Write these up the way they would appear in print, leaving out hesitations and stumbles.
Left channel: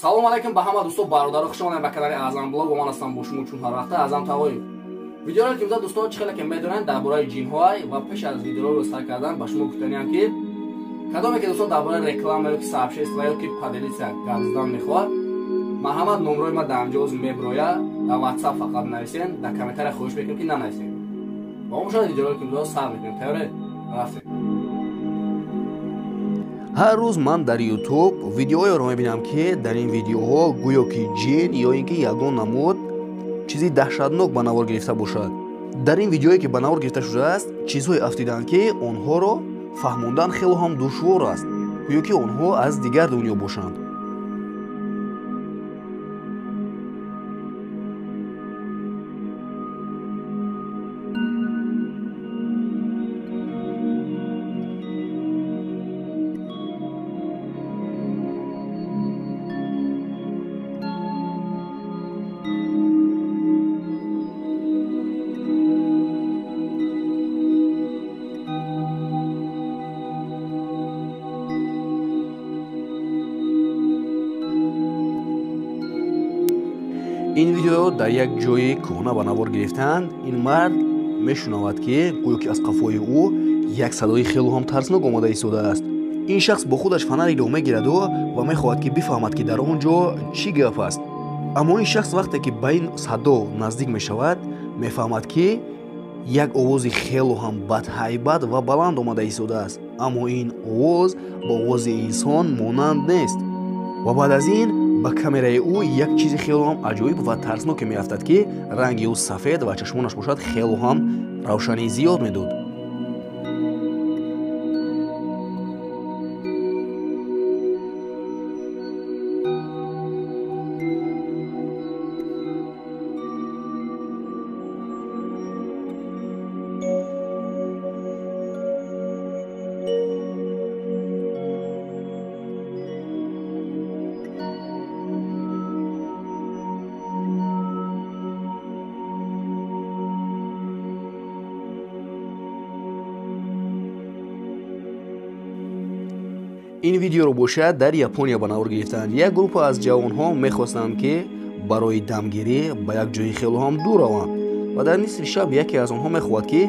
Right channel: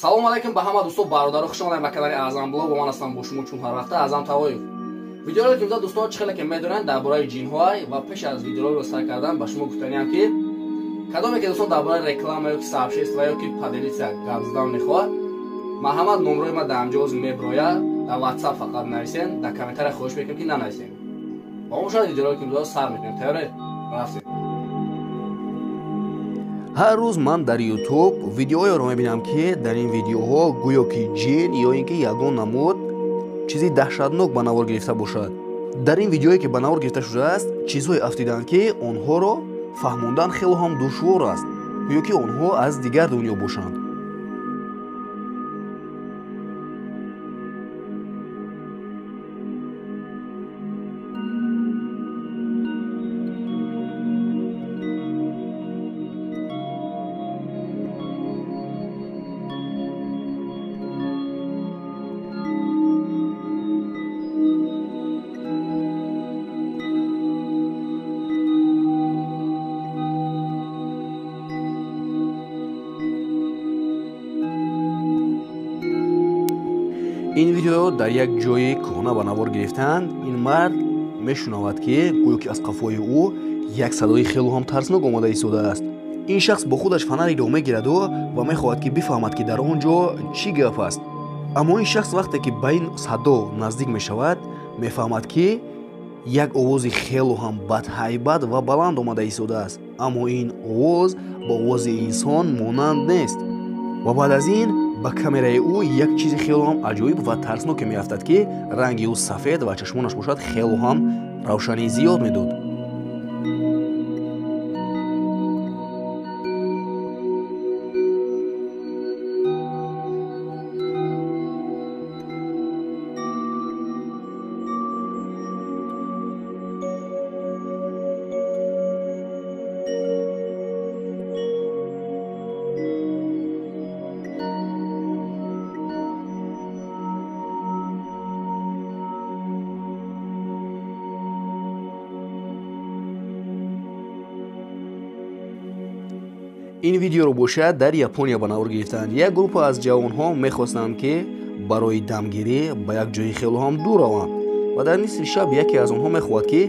Салом алейкум ба ҳама дӯстон бародаро, хушомадед ба канали Аъзам блог. Ман ҳастам бо шумо чун ҳар вақта Аъзам Тавоев. Видеоро ки мизад дӯстон чӣ хеле ки медонанд дар бораи ҷинҳоай ва пеш аз видеоро старт кардан ба шумо гуфтаниам ки кадоме ки дӯстон дар бораи реклама ё ки сообщество ё ки поделиться гап задан мехоҳад, марҳамат номерои ман дар ҳамҷоз меброяд, дар WhatsApp фақат нависен, дар комментария хоҳиш мекунам ки нанависен. Ба мо шуд видеоро ки мизад сар мекунем. Тайёре? Рафтем. ҳар рӯз ман дар YouTube видеоҳоеро мебинам ки дар ин видеоҳо гӯё ки ҷин ё ин ки ягон намуд чизи таҳшатнок ба навор гирифта бошад. Дар ин видеое ки ба навор гирифта шудааст, чизҳое афтиданд ки онҳоро фаҳмондан хеле ҳам душвор аст, гӯё ки онҳо аз дигар дунё бошанд. ин видео дар як ҷои кӯҳна ба навор гирифтанд. Ин мард мешунавад ки гӯё ки аз қафои ӯ як садои хеле ҳам тарснок омада истодааст. ин шахс бо худаш фонареро мегираду ва мехоҳад ки бифаҳмад ки дар он ҷо чӣ гап аст. Аммо ин шахс вақте ки ба ин садо наздик мешавад, мефаҳмад ки як овози хеле ҳам бадҳайбат ва баланд омада истодааст. Аммо ин овоз ба овози инсон монанд нест. ва баъд аз ин ба камераи ӯ як чизи хеле ҳам аҷоиб ва тарсноке меафтад ки ранги ӯ сафед ва чашмонаш бошад хеле ҳам равшании зиёд медод. ин видеоро бошад дар Япония ба навор гирифтанд. Як группа аз ҷавонҳо мехостанд ки барои дамгирӣ ба як ҷои хеле ҳам дур раванд ва дар нисфи шаб яке аз онҳо мехоҳад ки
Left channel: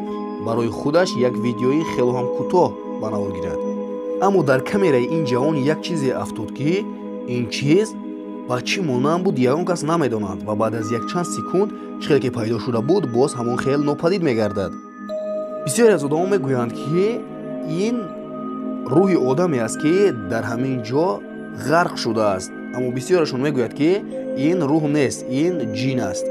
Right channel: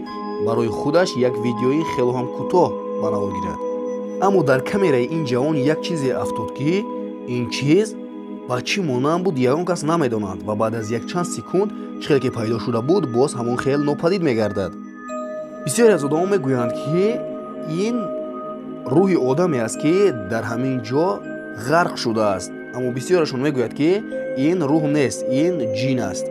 барои худаш як видеои хеле ҳам кӯтоҳ ба навор гирад. Аммо дар камераи ин ҷавон як чизе афтод ки ин чиз ба чӣ монанд буд ягон кас намедонад ва баъд аз якчанд секунд чӣ хеле ки пайдо шуда буд боз ҳамон хел нопадид мегардад. Бисёре аз одамон мегӯянд ки ин рӯҳи одаме аст ки дар ҳамин ҷо ғарқ шудааст. Аммо бисёрашон мегӯяд ки ин рӯҳ нест, ин ҷин аст.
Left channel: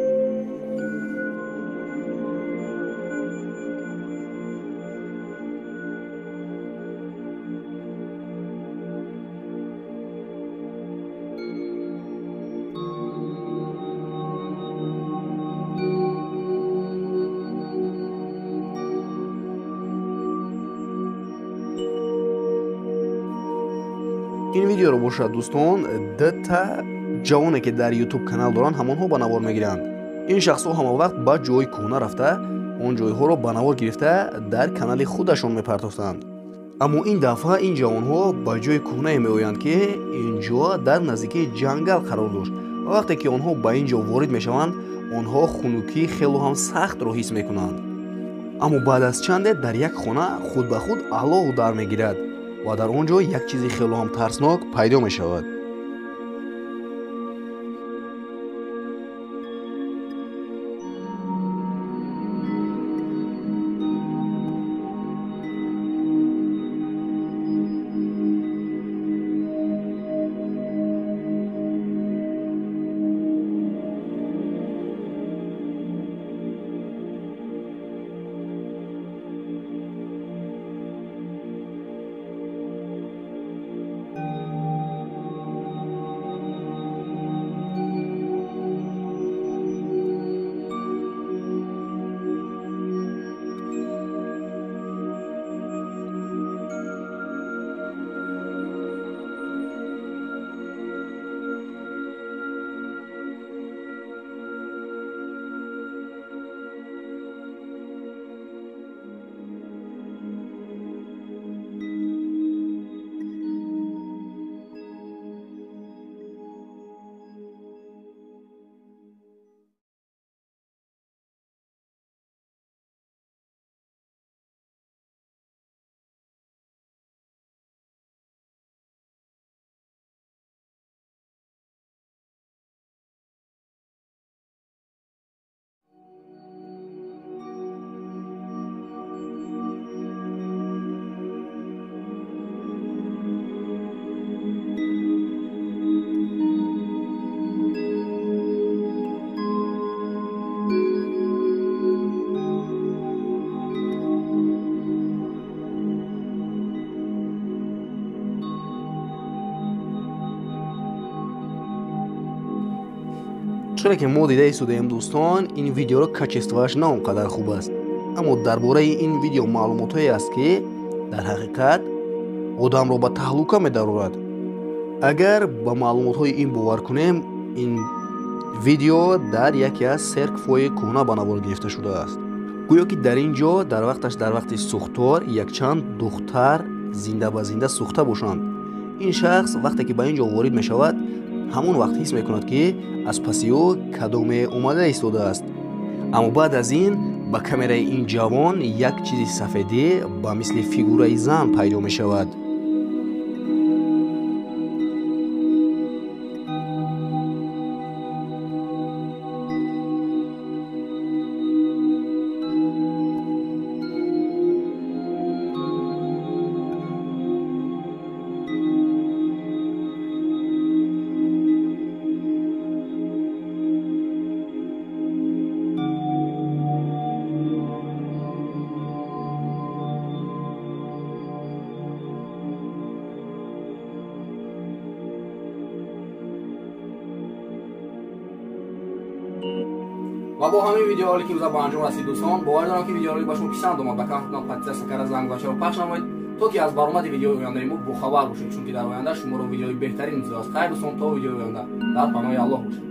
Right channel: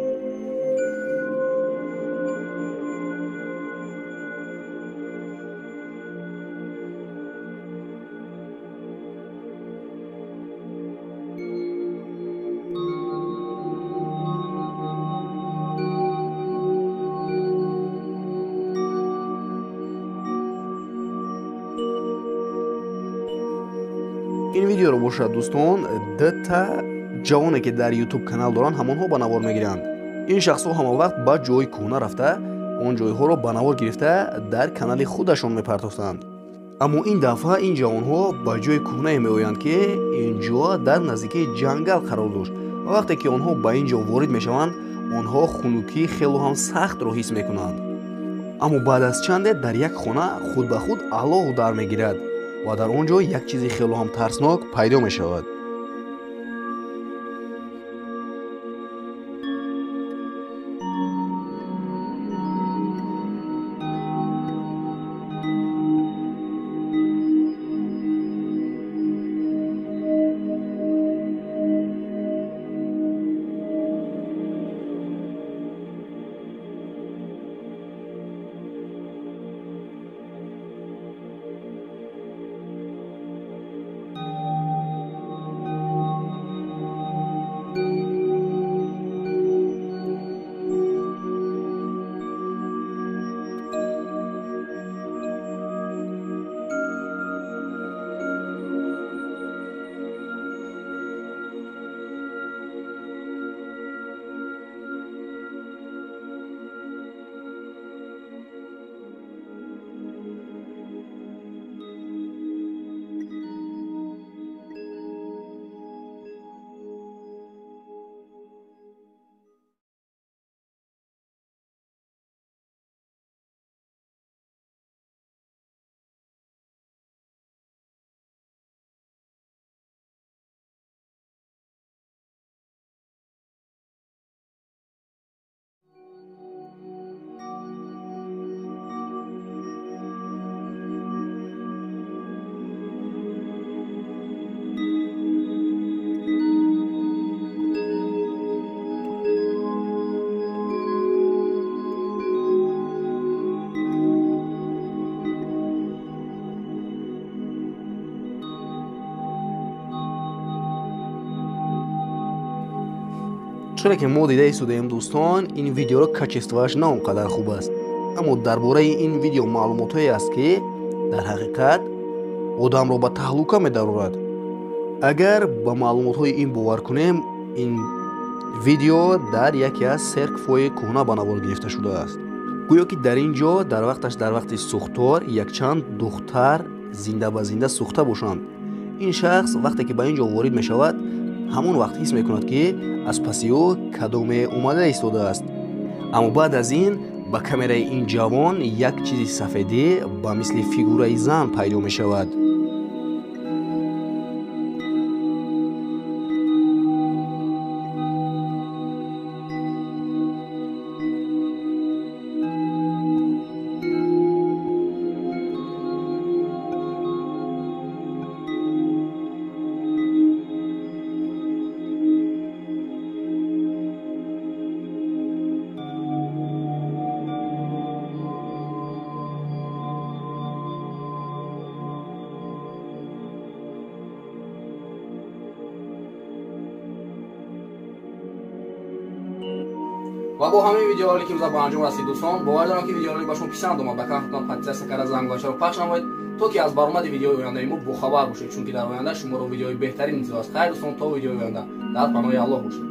ин видеоро бошад дӯстон, дата ҷавоне ки дар YouTube канал доранд ҳамонҳо ба навор мегиранд. Ин шахсҳо ҳама вақт ба ҷои кӯҳна рафта, он ҷойҳоро ба навор гирифта дар канали худашон мепартохтанд. Аммо ин дафъа ин ҷавонҳо ба ҷои кӯҳнае меоянд ки ин ҷо дар наздикии ҷангал қарор дошт. Ва вақте ки онҳо ба ин ҷо ворид мешаванд, онҳо хунукии хеле ҳам сахтро ҳис мекунанд. Аммо баъд аз чанде дар як хона худ ба худ алоҳ дар мегирад ва дар он ҷо як чизи хеле ҳам тарснок пайдо мешавад. чуре ки мо дида истодем дӯстон, ин видеоро качествоаш на он қадар хуб аст. аммо дар бораи ин видео маълумотое аст ки дар ҳақиқат одамро ба таҳлука медарорад. агар ба маълумотҳои ин бовар кунем, ин видео дар яке аз серкфҳои кӯҳна ба навор гирифта шудааст. гӯё ки дар ин ҷо дар вақти сӯхтор якчанд духтар зинда ба зинда сӯхта бошанд. ин шахс вақте ки ба ин ҷо ворид мешавад, ҳамон вақт ҳис мекунад ки аз паси ӯ кадоме омада истодааст. аммо баъд аз ин ба камераи ин ҷавон як чизи сафедӣ ба мисли фигураи зан пайдо мешавад. و با همین ویدیوهایی که به انجام رسید دوستان، باور دارم که ویدیوهایی به شما پسند اومد. بکنم پادزر سکر از زنگ رو پخش نمایید تا که از برآمد ویدیوهای آینده ما باخبر باشید، چون که در آینده شما رو ویدیوهای بهتری انتظار است. خیر دوستان، تا ویدیوهای آینده در پناه الله باشید.